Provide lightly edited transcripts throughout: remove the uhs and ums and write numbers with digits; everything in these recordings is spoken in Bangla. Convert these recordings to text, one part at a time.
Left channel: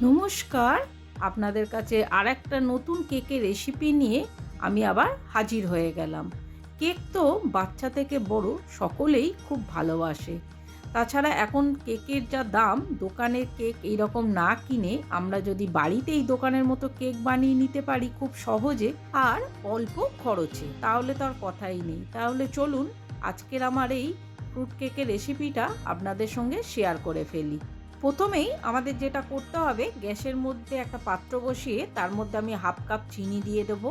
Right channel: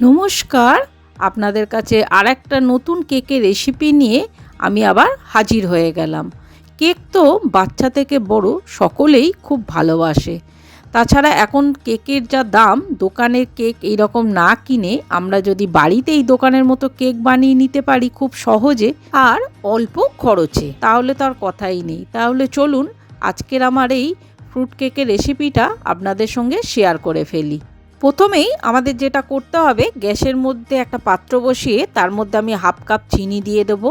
নমস্কার, আপনাদের কাছে আরেকটা নতুন কেকের রেসিপি নিয়ে আমি আবার হাজির হয়ে গেলাম। কেক তো বাচ্চা থেকে বড় সকলেই খুব ভালোবাসে। তাছাড়া এখন কেকের যা দাম, দোকানের কেক এইরকম না কিনে আমরা যদি বাড়িতেই দোকানের মতো কেক বানিয়ে নিতে পারি খুব সহজে আর অল্প খরচে, তাহলে তো আর কথাই নেই। তাহলে চলুন আজকের আমার এই ফ্রুট কেকের রেসিপিটা আপনাদের সঙ্গে শেয়ার করে ফেলি। প্রথমেই আমাদের যেটা করতে হবে, গ্যাসের মধ্যে একটা পাত্র বসিয়ে তার মধ্যে আমি হাফ কাপ চিনি দিয়ে দেবো।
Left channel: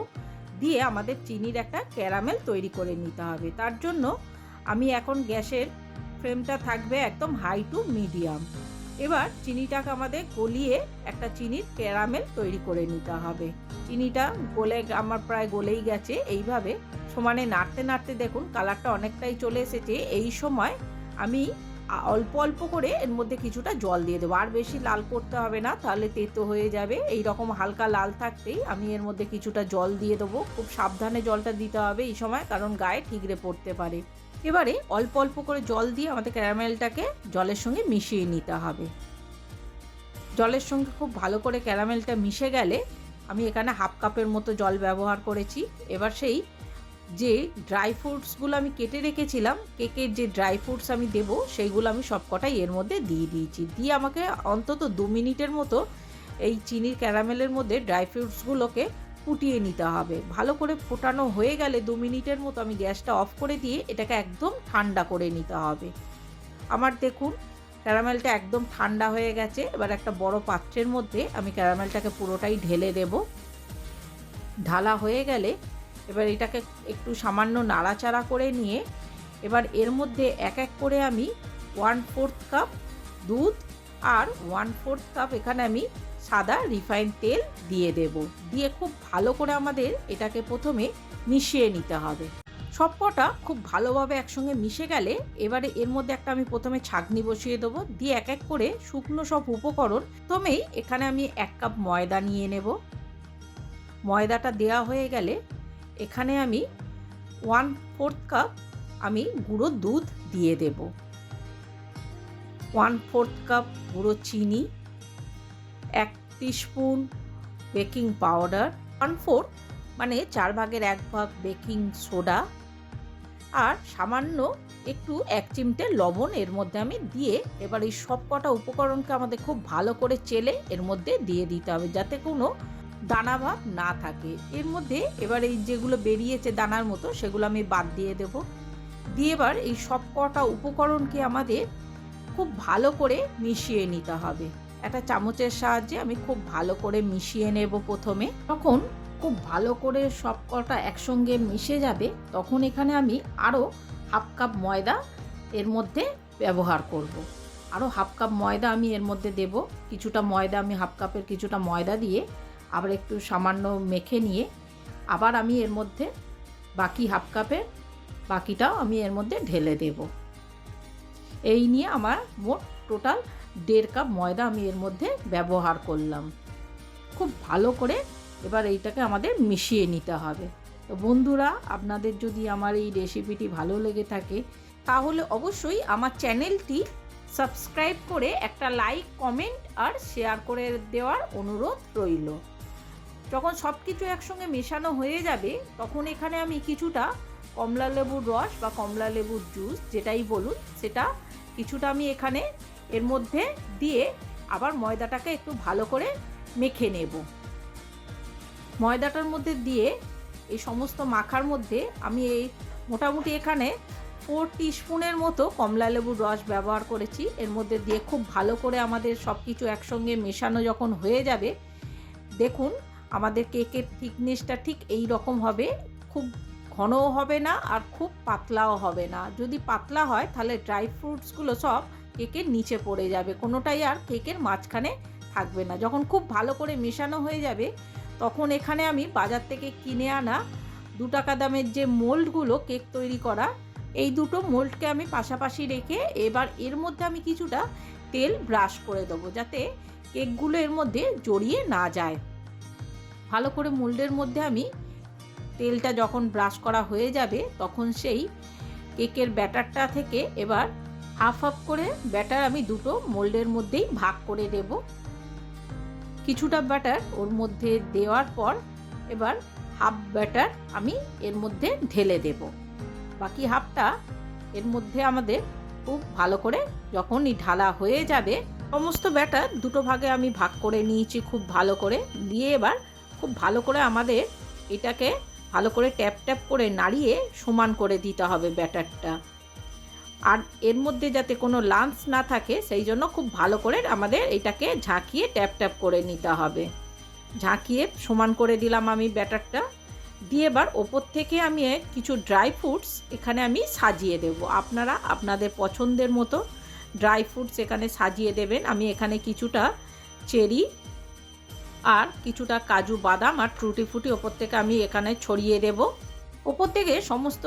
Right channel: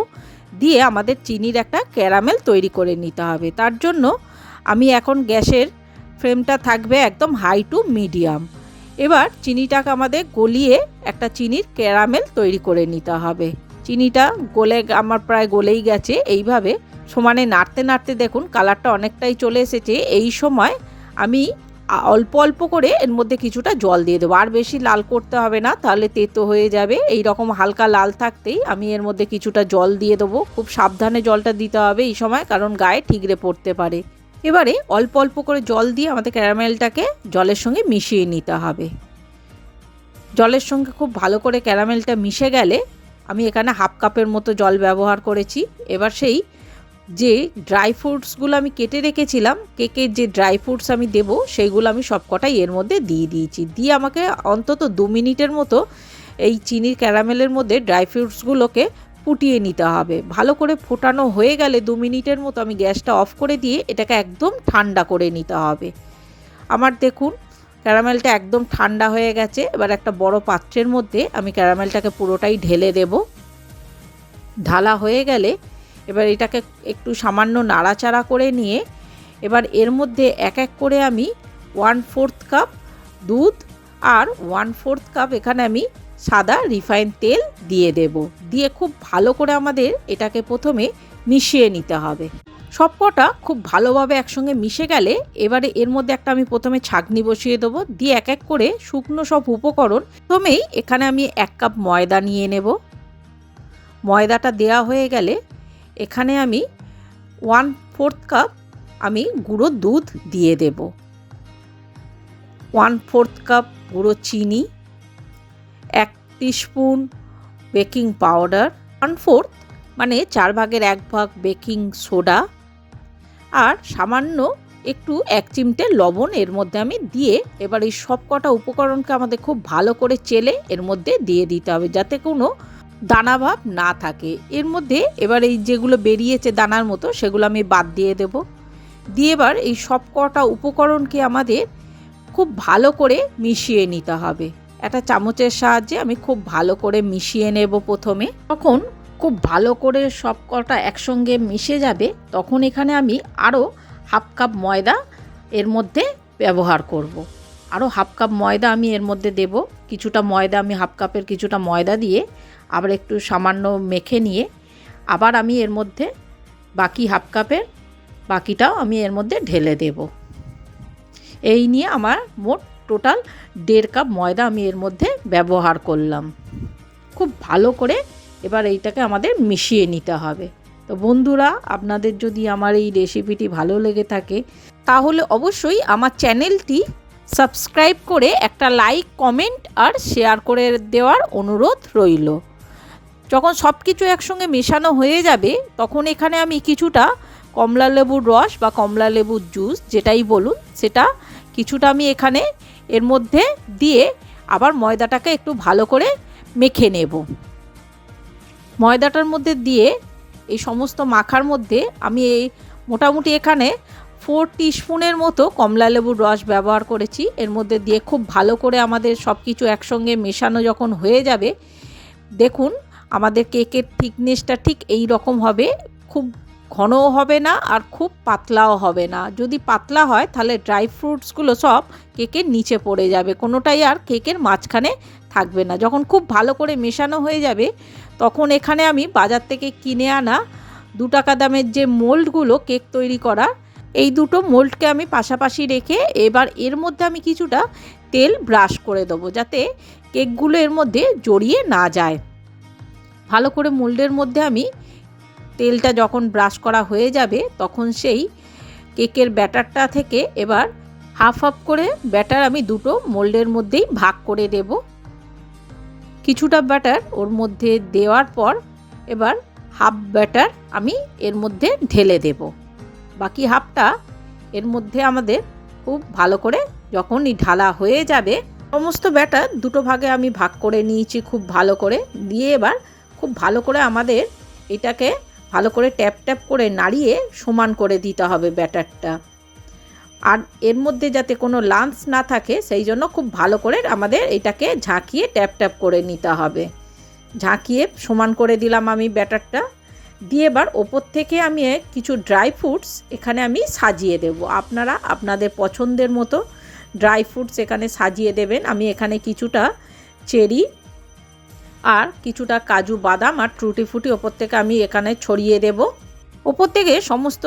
দিয়ে আমাদের চিনির একটা ক্যারামেল তৈরি করে নিতে হবে। তার জন্য আমি এখন গ্যাসের ফ্লেমটা থাকবে একদম হাই টু মিডিয়াম। এবার চিনিটাকে আমাদের গলিয়ে একটা চিনির ক্যারামেল তৈরি করে নিতে হবে। চিনিটা আমার প্রায় গলেই গেছে। এইভাবে সমানে নাড়তে নাড়তে দেখুন কালারটা অনেকটাই চলে এসেছে। এই সময় আমি অল্প অল্প করে এর মধ্যে কিছুটা জল দিয়ে দেবো। আর বেশি লাল করতে হবে না, তাহলে তেতো হয়ে যাবে। এই রকম হালকা লাল থাকতেই আমি এর মধ্যে কিছুটা জল দিয়ে দেবো। খুব সাবধানে জলটা দিতে হবে এই সময়, কারণ গায়ে ঠিকরে পড়তে পারে। এবারে অল্প অল্প করে জল দিয়ে আমাদের ক্যারামেলটাকে জলের সঙ্গে মিশিয়ে নিতে হবে। জলের সঙ্গে খুব ভালো করে ক্যারামেলটা মিশে গেলে আমি এখানে হাফ কাপের মতো জল ব্যবহার করেছি। এবার সেই যে ড্রাই ফ্রুটসগুলো আমি কেটে রেখেছিলাম, কেকের যে ড্রাই ফ্রুটস আমি দেবো সেইগুলো আমি সবকটাই এর মধ্যে দিয়ে দিয়েছি। দিয়ে আমাকে অন্তত 2 মিনিটের মতো এই চিনির ক্যারামেলের মধ্যে ড্রাই ফ্রুটসগুলোকে ফুটিয়ে নিতে হবে। ভালো করে ফোটানো হয়ে গেলে 2 মিনিটের মতো আমি গ্যাসটা অফ করে দিয়ে এটাকে একদম ঠান্ডা করে নিতে হবে। আমার দেখুন ক্যারামেলটা একদম ঠান্ডা হয়ে গেছে। এবার একটা বড় পাত্রের মধ্যে আমি ক্যারামেলটাকে পুরোটাই ঢেলে দেব। ঢালা হয়ে গেলে এবার এটাকে একটু সামান্য নাড়াচাড়া করে নিয়ে এবার এর মধ্যে এক এক করে আমি 1/4 কাপ দুধ আর 1/4 কাপ এখানে আমি সাদা রিফাইন তেল দিয়ে দেব। দিয়ে খুব ভালো করে আমাদের এটাকে প্রথমে মিশিয়ে নিতে হবে। সবকটা খুব ভালোভাবে একসঙ্গে মিশে গেলে এবারে এর মধ্যে একটা আমি প্রথমে ছাঁকনি বসিয়ে দেবো। দিয়ে এক এক করে শুকনো সব উপকরণ, প্রথমেই এখানে আমি 1 কাপ ময়দা নিয়ে নেব। ময়দাটা দেওয়া হয়ে গেলে এখানে আমি 1/4 কাপ আমি গুঁড়ো দুধ দিয়ে দেব। 1/4 কাপ গুঁড়ো চিনি, 1 টিস্পুন বেকিং পাউডার, 1/4 মানে 4 ভাগের 1 ভাগ বেকিং সোডা, আর সামান্য একটু 1 চিমটে লবণ এর মধ্যে আমি দিয়ে এবার এই সব কটা উপকরণকে আমাদের খুব ভালো করে চেলে এর মধ্যে দিয়ে দিতে হবে, যাতে কোনো দানা ভাব না থাকে এর মধ্যে। এবার এই যেগুলো বেরিয়েছে দানার মতো সেগুলো আমি বাদ দিয়ে দেব। দিয়ে এবার এই সব কটা উপকরণকে আমাদের খুব ভালো করে মিশিয়ে নিতে হবে। একটা চামচের সাহায্যে আমি খুব ভালো করে মিশিয়ে নেব প্রথমে। তখন খুব ভালো করে সব কটা একসঙ্গে মিশে যাবে, তখন এখানে আমি আরও হাফ কাপ ময়দা এর মধ্যে ব্যবহার করব। আরও হাফ কাপ ময়দা আমি এর মধ্যে দেব। কিছুটা ময়দা আমি হাফ কাপের কিছুটা ময়দা দিয়ে আবার একটু সামান্য মেখে নিয়ে আবার আমি এর মধ্যে বাকি হাফ কাপের বাকিটাও আমি এর মধ্যে ঢেলে দেব। এই নিয়ে আমার মোট টোটাল 1.5 কাপ ময়দা আমি এর মধ্যে ব্যবহার করলাম। খুব ভালো করে এবার এইটাকে আমাদের মিশিয়ে নিতে হবে। তো বন্ধুরা, আপনাদের যদি আমার এই রেসিপিটি ভালো লেগে থাকে তাহলে অবশ্যই আমার চ্যানেলটি সাবস্ক্রাইব করে একটা লাইক, কমেন্ট আর শেয়ার করে দেওয়ার অনুরোধ রইল। যখন সব কিছু একসঙ্গে মেশানো হয়ে যাবে তখন এখানে আমি কিছুটা কমলা লেবুর রস বা কমলা লেবুর জুস যেটাই বলুন সেটা কিছুটা আমি এখানে এর মধ্যে দিয়ে আবার ময়দাটাকে একটু ভালো করে মেখে নেব। ময়দাটার মধ্যে দিয়ে এই সমস্ত মাখার মধ্যে আমি এই মোটামুটি এখানে 4 টিস্পুনের মতো কমলা লেবুর রস ব্যবহার করেছি। এর মধ্যে দিয়ে খুব ভালো করে আমাদের সব কিছু একসঙ্গে মেশানো যখন হয়ে যাবে, দেখুন আমাদের কেকের থিকনেসটা ঠিক এই রকম হবে। খুব ঘনও হবে না আর খুব পাতলাও হবে না। যদি পাতলা হয় তাহলে ড্রাই ফ্রুটসগুলো সব কেকের নিচে পড়ে যাবে, কোনোটাই আর কেকের মাঝখানে থাকবে না। যখন খুব ভালো করে মেশানো হয়ে যাবে তখন এখানে আমি বাজার থেকে কিনে আনা 2 টাকা দামের যে মোল্ডগুলো কেক তৈরি করার, এই দুটো মোল্ডকে আমি পাশাপাশি রেখে এবার এর মধ্যে আমি কিছুটা তেল ব্রাশ করে দেবো, যাতে কেকগুলো এর মধ্যে জড়িয়ে না যায়। ভালো করে মোল্ডের মধ্যে আমি তেলটা যখন ব্রাশ করা হয়ে যাবে তখন সেই কেকের ব্যাটারটা থেকে এবার হাফ হাফ করে ব্যাটার আমি দুটো মোল্ডের মধ্যেই ভাগ করে দেব। কিছুটা ব্যাটার ওর মধ্যে দেওয়ার পর এবার হাফ ব্যাটার আমি এর মধ্যে ঢেলে দেব। বাকি হাফটা এর মধ্যে আমাদের খুব ভালো করে যখনই ঢালা হয়ে যাবে, সমস্ত ব্যাটার দুটো ভাগে আমি ভাগ করে নিয়েছি খুব ভালো করে, দিয়ে এবার খুব ভালো করে আমাদের এটাকে ভালো করে ট্যাপ ট্যাপ করে নাড়িয়ে সমান করে দিতে হবে ব্যাটারটা। আর এর মধ্যে যাতে কোনো লাম্পস না থাকে সেই জন্য খুব ভালো করে আমাদের এটাকে ঝাঁকিয়ে ট্যাপ ট্যাপ করে নিতে হবে। ঝাঁকিয়ে সমান করে দিলাম আমি ব্যাটারটা, দিয়ে এবার ওপর থেকে আমি কিছু ড্রাই ফ্রুটস এখানে আমি সাজিয়ে দেব। আপনারা আপনাদের পছন্দের মতো ড্রাই ফ্রুটস এখানে সাজিয়ে দেবেন। আমি এখানে কিছুটা চেরি আর কিছুটা কাজু বাদাম আর টুটি ফুটি ওপর থেকে আমি এখানে ছড়িয়ে দেব। ওপর থেকে সমস্ত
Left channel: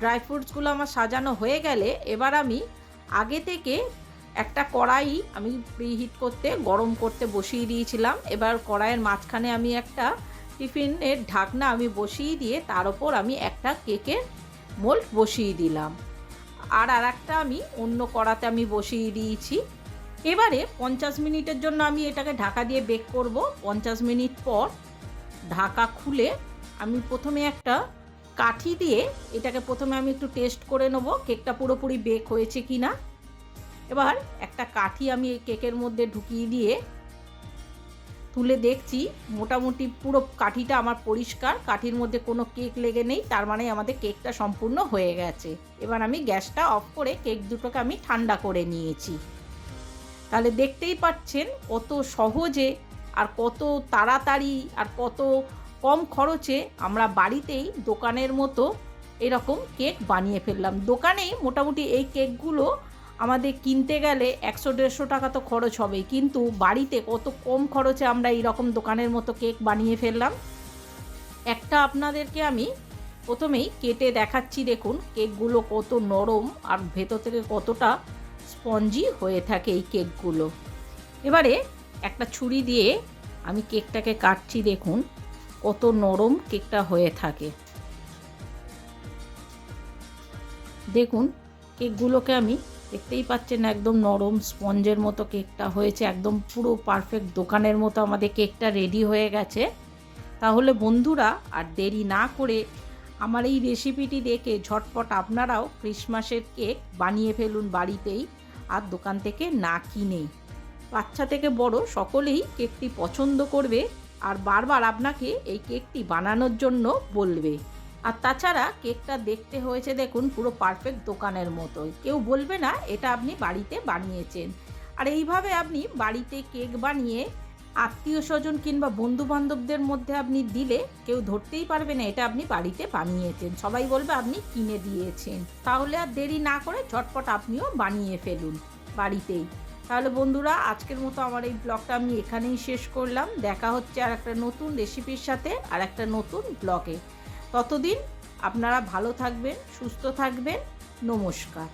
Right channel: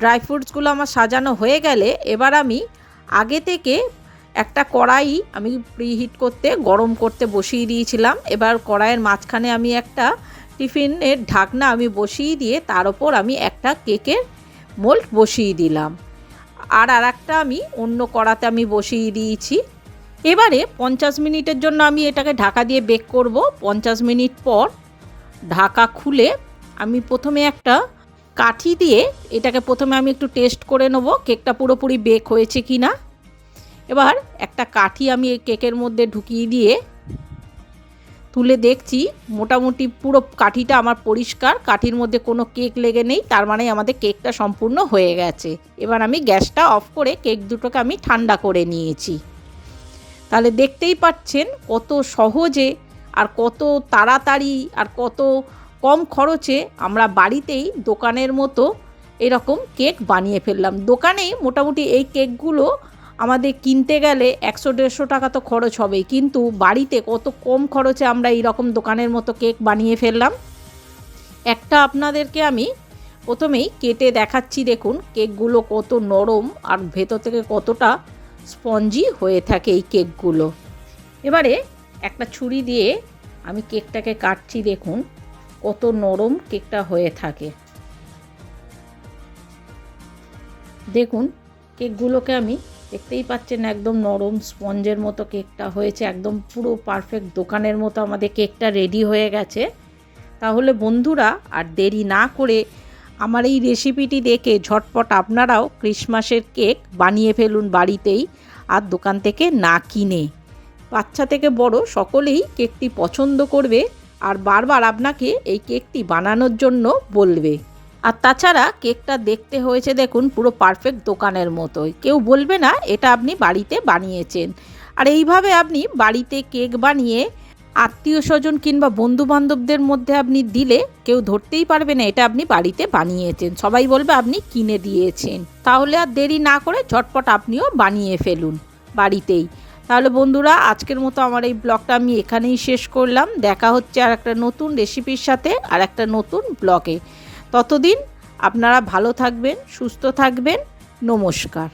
ড্রাই ফ্রুটসগুলো আমার সাজানো হয়ে গেলে এবার আমি আগে থেকে একটা কড়াই আমি প্রিহিট করতে গরম করতে বসিয়ে দিয়েছিলাম। এবার কড়াইয়ের মাঝখানে আমি একটা টিফিনের ঢাকনা আমি বসিয়ে দিয়ে তার ওপর আমি একটা কেকের মোল্ড বসিয়ে দিলাম, আর একটা আমি অন্য কড়াতে আমি বসিয়ে দিয়েছি। এবারে 50 মিনিটের জন্য আমি এটাকে ঢাকা দিয়ে বেক করব। 50 মিনিট পর ঢাকা খুলে আমি প্রথমে একটা কাঠি দিয়ে এটাকে প্রথমে আমি একটু টেস্ট করে নেব কেকটা পুরোপুরি বেক হয়েছে কি না। এবার একটা কাঠি আমি এই কেকের মধ্যে ঢুকিয়ে দিয়ে তুলে দেখছি মোটামুটি পুরো কাঠিটা আমার পরিষ্কার, কাঠির মধ্যে কোনো কেক লেগে নেই, তার মানে আমাদের কেকটা সম্পূর্ণ হয়ে গেছে। এবার আমি গ্যাসটা অফ করে কেক দুটোকে আমি ঠান্ডা করে নিয়েছি। তাহলে দেখতেই পাচ্ছেন কত সহজে আর কত তাড়াতাড়ি আর কত কম খরচে আমরা বাড়িতেই দোকানের মতো এরকম কেক বানিয়ে ফেললাম। দোকানেই মোটামুটি এই কেকগুলো আমাদের কিনতে গেলে 100-150 টাকা তো খরচ হবেই, কিন্তু বাড়িতে কত কম খরচে আমরা এইরকম দোকানের মতো কেক বানিয়ে ফেললাম। একটা আপনাদেরকে আমি প্রথমেই কেটে দেখাচ্ছি, দেখুন কেকগুলো কত নরম আর ভেতর থেকে কতটা স্পঞ্জি হয়ে থাকে এই কেকগুলো। এবারে একটা ছুরি দিয়ে আমি কেকটাকে কাটছি, দেখুন কত নরম কেকটা হয়ে থাকে। দেখুন কেকগুলোকে আমি দেখতেই পাচ্ছেন একদম নরম স্পঞ্জের মতো কেকটা হয়েছে, একদম পুরো পারফেক্ট দোকানের মতো আমাদের কেকটা রেডি হয়ে গেছে। তাহলে বন্ধুরা আর দেরি না করে আমার এই রেসিপিটি দেখে ঝটপট আপনারাও ক্রিসমাসের কেক বানিয়ে ফেলুন বাড়িতেই, আর দোকান থেকে না কিনে। বাচ্চা থেকে বড় সকলেই কেকটি পছন্দ করবে আর বারবার আপনাকে এই কেকটি বানানোর জন্য বলবে। আর তাছাড়া কেকটা দেখতে হয়েছে দেখুন পুরো পারফেক্ট দোকানের মতোই, কেউ বলবে না এটা আপনি বাড়িতে বানিয়েছেন। আর এইভাবে আপনি বাড়িতে কেক বানিয়ে আত্মীয় স্বজন কিংবা বন্ধুবান্ধবদের মধ্যে আপনি দিলে কেউ ধরতেই পারবে না এটা আপনি বাড়িতে বানিয়েছেন, সবাই বলবে আপনি কিনে দিয়েছেন। তাহলে আর দেরি না করে ঝটপট আপনিও বানিয়ে ফেলুন বাড়িতেই। তাহলে বন্ধুরা আজকের মতো আমার এই ব্লগটা আমি এখানেই শেষ করলাম। দেখা হচ্ছে আর একটা নতুন রেসিপির সাথে আর একটা নতুন ব্লগে। ততদিন আপনারা ভালো থাকবেন, সুস্থ থাকবেন। নমস্কার।